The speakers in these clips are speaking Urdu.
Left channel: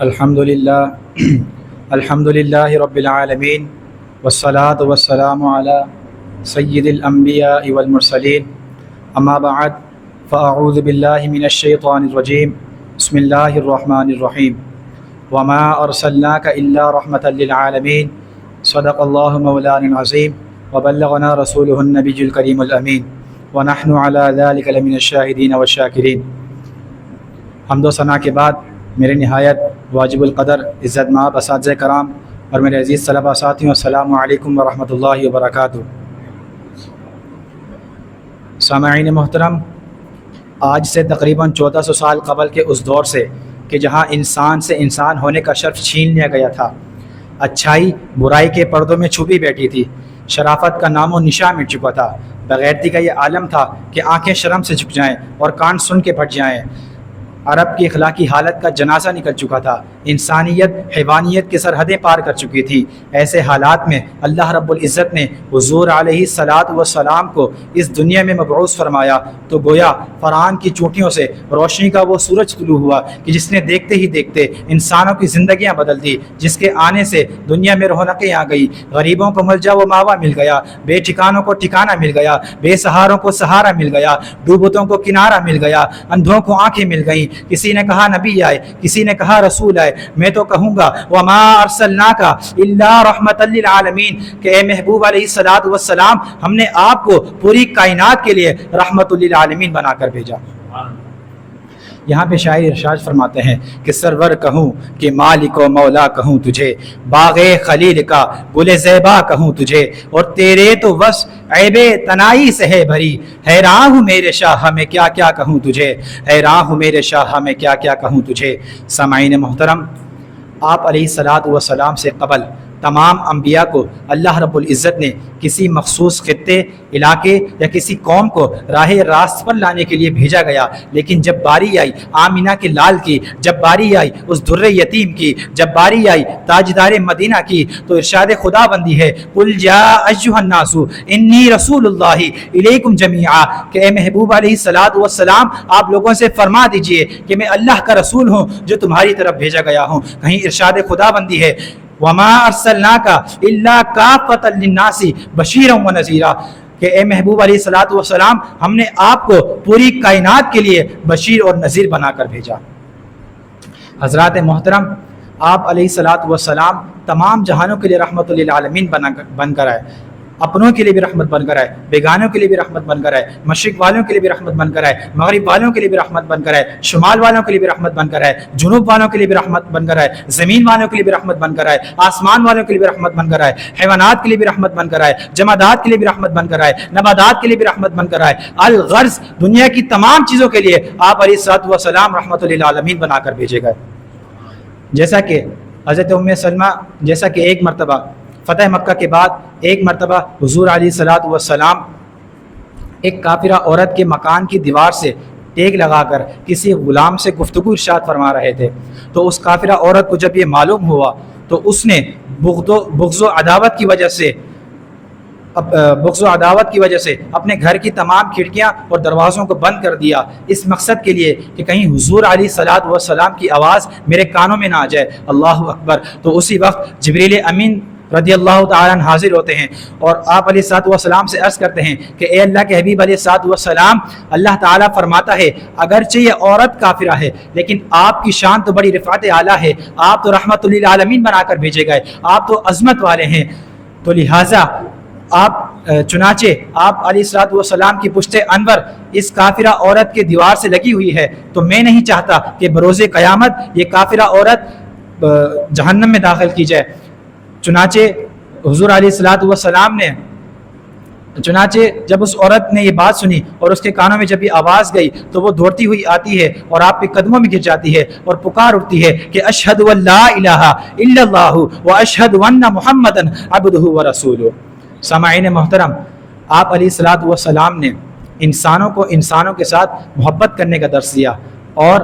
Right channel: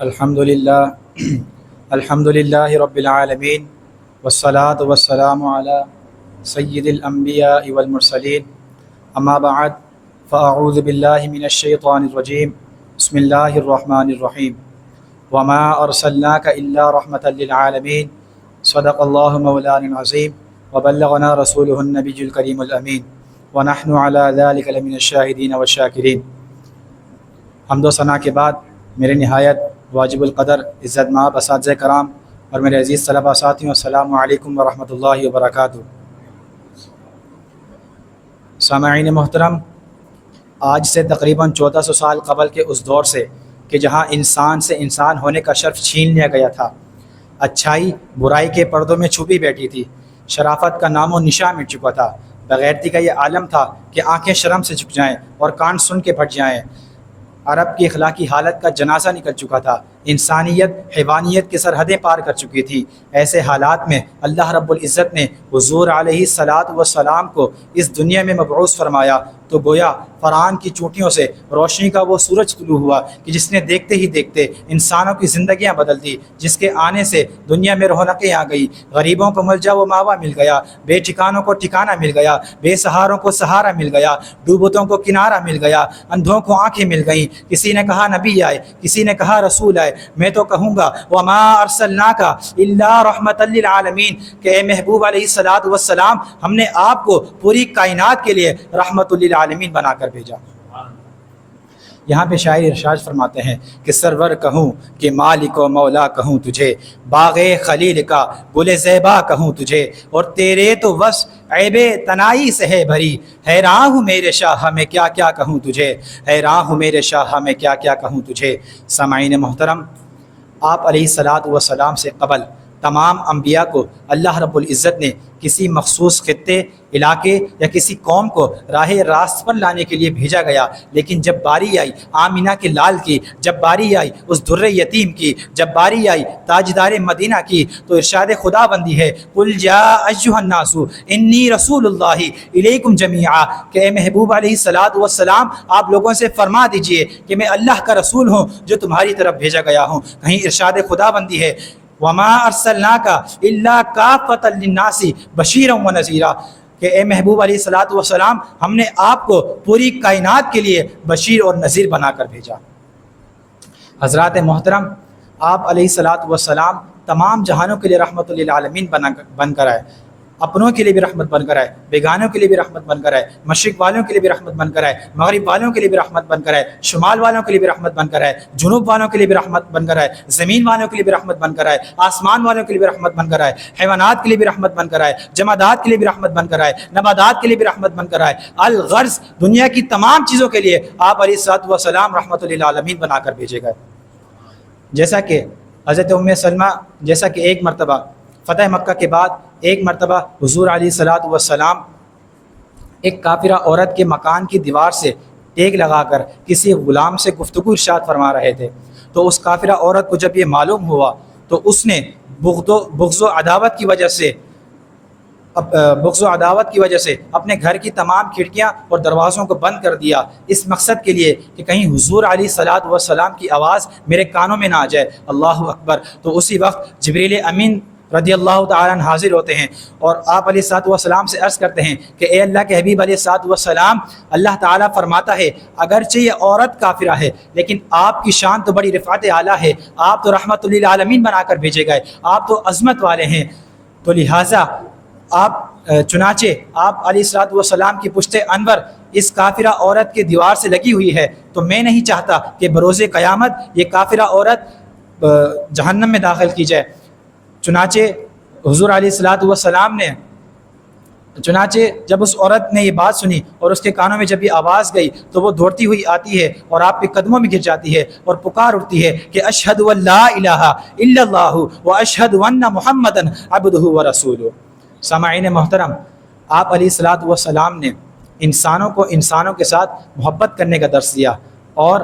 الحمدللہ الحمدللہ رب العالمین والصلاة والسلام علی سید الانبیاء والمرسلین اما بعد فاعوذ باللہ من الشیطان الرجیم بسم اللہ الرحمن الرحیم وما ارسلناک الا رحمة للعالمین صدق اللہ مولانا العظیم وبلغنا رسولہ النبی الکریم الامین ونحن علی ذلک لمن الشاہدین والشاکرین۔ حمد و ثنا کے بعد میرے نہایت واجب القدر عزت مآب اساتذہ کرام اور میرے عزیز طلباء ساتھیوں، السلام علیکم ورحمۃ اللہ وبرکاتہ۔ سامعین محترم، آج سے تقریباً 1400 سال قبل کے اس دور سے کہ جہاں انسان سے انسان ہونے کا شرف چھین لیا گیا تھا، اچھائی برائی کے پردوں میں چھپی بیٹھی تھی، شرافت کا نام و نشان مٹ چکا تھا، بغیرتی کا یہ عالم تھا کہ آنکھیں شرم سے جھک جائیں اور کان سن کے پھٹ جائیں، عرب کی اخلاقی حالت کا جنازہ نکل چکا تھا، انسانیت حیوانیت کی سرحدیں پار کر چکی تھی۔ ایسے حالات میں اللہ رب العزت نے حضور علیہ الصلاۃ والسلام کو اس دنیا میں مبعوث فرمایا تو گویا فرعون کی چوٹیوں سے روشنی کا وہ سورج طلوع ہوا کہ جس نے دیکھتے ہی دیکھتے انسانوں کی زندگیاں بدل دی، جس کے آنے سے دنیا میں رونقیں آ گئی، غریبوں کو ملجا و ماوا مل گیا، بے ٹھکانوں کو ٹھکانہ مل گیا، بے سہاروں کو سہارا مل گیا، ڈوبتوں کو کنارہ مل گیا، اندھوں کو آنکھیں مل گئیں۔ کسی نے کہا نبی آئے، کسی نے کہا رسول آئے، میں تو کہوں گا وما ارسلناک الا رحمۃ للعالمین کہ اے محبوب علیہ الصلوۃ والسلام، ہم نے آپ کو پوری کائنات کے لیے رحمۃ للعالمین بنا کر بھیجا۔ یہاں پہ شاعر ارشاد فرماتے ہیں کہ سرور کہوں کہ مالک و مولا کہوں تجھے، باغ خلیل کا گل زیبا کہوں تجھے، اور تیرے تو بس عیب تنائی سے ہے بھری، حیران ہوں میرے شاہ میں کیا کیا کہوں تجھے، حیران ہوں میرے شاہ میں کیا کیا کہوں تجھے۔ سامعین محترم، آپ علیہ الصلوۃ والسلام سے قبل تمام انبیاء کو اللہ رب العزت نے کسی مخصوص خطے، علاقے یا کسی قوم کو راہ راست پر لانے کے لیے بھیجا گیا، لیکن جب باری آئی آمینہ کے لال کی، جب باری آئی اس در یتیم کی، جب باری آئی تاجدار مدینہ کی، تو ارشاد خدا بندی ہے قل جاء ایھا الناس انی رسول اللہ الیکم جمیعا کہ اے محبوب علیہ الصلوۃ والسلام، آپ لوگوں سے فرما دیجئے کہ میں اللہ کا رسول ہوں جو تمہاری طرف بھیجا گیا ہوں۔ کہیں ارشاد خدا بندی ہے وما ارسلناک الا کافۃ للناس بشیرا ونذیرا کہ اے محبوب علیہ الصلوۃ والسلام، ہم نے آپ کو پوری کائنات کے لیے بشیر اور نذیر بنا کر بھیجا۔ حضرات محترم، آپ علیہ الصلوۃ والسلام تمام جہانوں کے لیے رحمت للعالمین بن کر آئے، اپنوں کے لیے بھی رحمت بن کر آئے، بیگانوں کے لیے بھی رحمت بن کر آئے، مشرق والوں کے لیے بھی رحمت بن کر آئے، مغرب والوں کے لیے بھی رحمت بن کر آئے، شمال والوں کے لیے بھی رحمت بن کر آئے، جنوب والوں کے لیے بھی رحمت بن کر آئے، زمین والوں کے لیے بھی رحمت بن کر آئے، آسمان والوں کے لیے بھی رحمت بن کر آئے، حیوانات کے لیے بھی رحمت بن کر آئے، جمادات کے لیے بھی رحمت بن کر آئے، نباتات کے لیے بھی رحمت بن کر آئے، الغرض دنیا کی تمام چیزوں کے لیے آپ علیہ الصلوۃ والسلام رحمت للعالمین بنا کر بھیجے گئے۔ جیسا کہ حضرت ام سلمہ، جیسا کہ ایک مرتبہ فتح مکہ کے بعد ایک مرتبہ حضور علیہ الصلوۃ والسلام ایک کافرہ عورت کے مکان کی دیوار سے ٹیک لگا کر کسی غلام سے گفتگو ارشاد فرما رہے تھے، تو اس کافرہ عورت کو جب یہ معلوم ہوا تو اس نے بغض و عداوت کی وجہ سے اپنے گھر کی تمام کھڑکیاں اور دروازوں کو بند کر دیا، اس مقصد کے لیے کہ کہیں حضور علیہ الصلوۃ والسلام کی آواز میرے کانوں میں نہ آ جائے۔ اللہ اکبر! تو اسی وقت جبریل امین رضی اللہ تعالیٰ عنہ حاضر ہوتے ہیں اور آپ علیہ الصلوۃ والسلام سے عرض کرتے ہیں کہ اے اللہ کے حبیب علیہ الصلوۃ والسلام، اللہ تعالیٰ فرماتا ہے اگرچہ یہ عورت کافرہ ہے لیکن آپ کی شان تو بڑی رفعت اعلیٰ ہے، آپ تو رحمت للعالمین بنا کر بھیجے گئے، آپ تو عظمت والے ہیں، تو لہٰذا چنانچہ آپ علیہ الصلوۃ والسلام کی پشت انور اس کافرہ عورت کے دیوار سے لگی ہوئی ہے، تو میں نہیں چاہتا کہ بروز قیامت یہ کافرہ عورت جہنم میں داخل کی جائے۔ چنانچہ حضور علیہ الصلوۃ والسلام نے جب اس عورت نے یہ بات سنی اور اس کے کانوں میں جب یہ آواز گئی تو وہ دوڑتی ہوئی آتی ہے اور آپ کے قدموں میں گر جاتی ہے اور پکار اٹھتی ہے کہ اشہد ان لا الہ الا اللہ واشہد ان محمدا عبدہ ورسولہ۔ سامعین محترم، آپ علیہ الصلوۃ والسلام نے انسانوں کو انسانوں کے ساتھ محبت کرنے کا درس دیا اور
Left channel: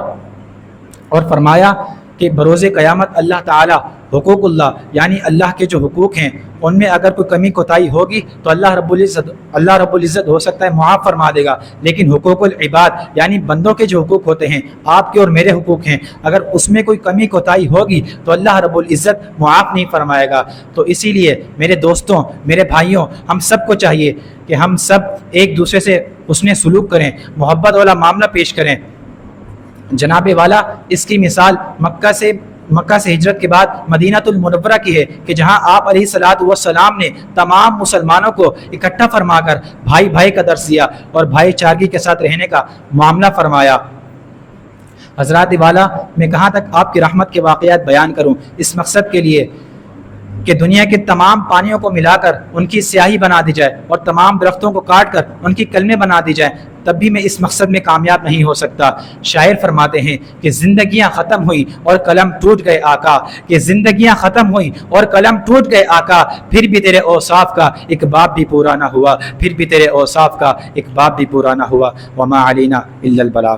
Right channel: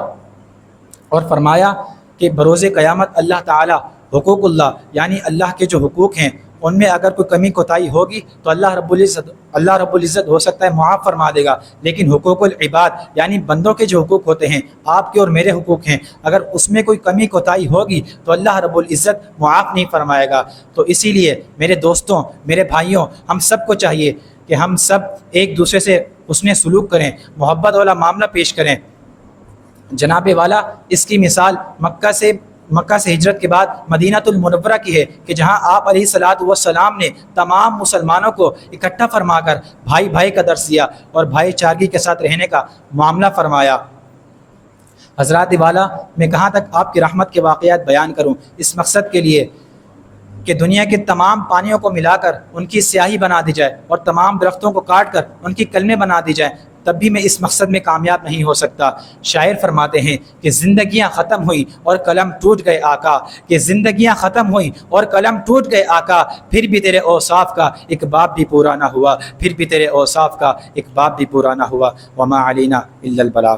فرمایا کہ بروز قیامت اللہ تعالیٰ حقوق اللہ یعنی اللہ کے جو حقوق ہیں ان میں اگر کوئی کمی کوتاہی ہوگی تو اللہ رب العزت ہو سکتا ہے معاف فرما دے گا، لیکن حقوق العباد یعنی بندوں کے جو حقوق ہوتے ہیں، آپ کے اور میرے حقوق ہیں، اگر اس میں کوئی کمی کوتاہی ہوگی تو اللہ رب العزت معاف نہیں فرمائے گا۔ تو اسی لیے میرے دوستوں، میرے بھائیوں، ہم سب کو چاہیے کہ ہم سب ایک دوسرے سے حسن سلوک کریں، محبت والا معاملہ پیش کریں۔ جناب والا اس کی مثال مکہ سے ہجرت کے بعد مدینہ المنورہ کی ہے کہ جہاں آپ علیہ الصلوۃ والسلام نے تمام مسلمانوں کو اکٹھا فرما کر بھائی بھائی کا درس دیا اور بھائی چارگی کے ساتھ رہنے کا معاملہ فرمایا۔ حضرات والا، میں کہاں تک آپ کی رحمت کے واقعات بیان کروں، اس مقصد کے لیے کہ دنیا کے تمام پانیوں کو ملا کر ان کی سیاہی بنا دی جائے اور تمام درختوں کو کاٹ کر ان کی کلمیں بنا دی جائیں، تب بھی میں اس مقصد میں کامیاب نہیں ہو سکتا۔ شاعر فرماتے ہیں کہ زندگیاں ختم ہوئیں اور قلم ٹوٹ گئے آقا، کہ زندگیاں ختم ہوئیں اور قلم ٹوٹ گئے آقا، پھر بھی تیرے اوصاف کا ایک باب بھی پورا نہ ہوا، پھر بھی تیرے اوصاف کا ایک باب بھی پورا نہ ہوا۔ وما علینا الا البلاغ۔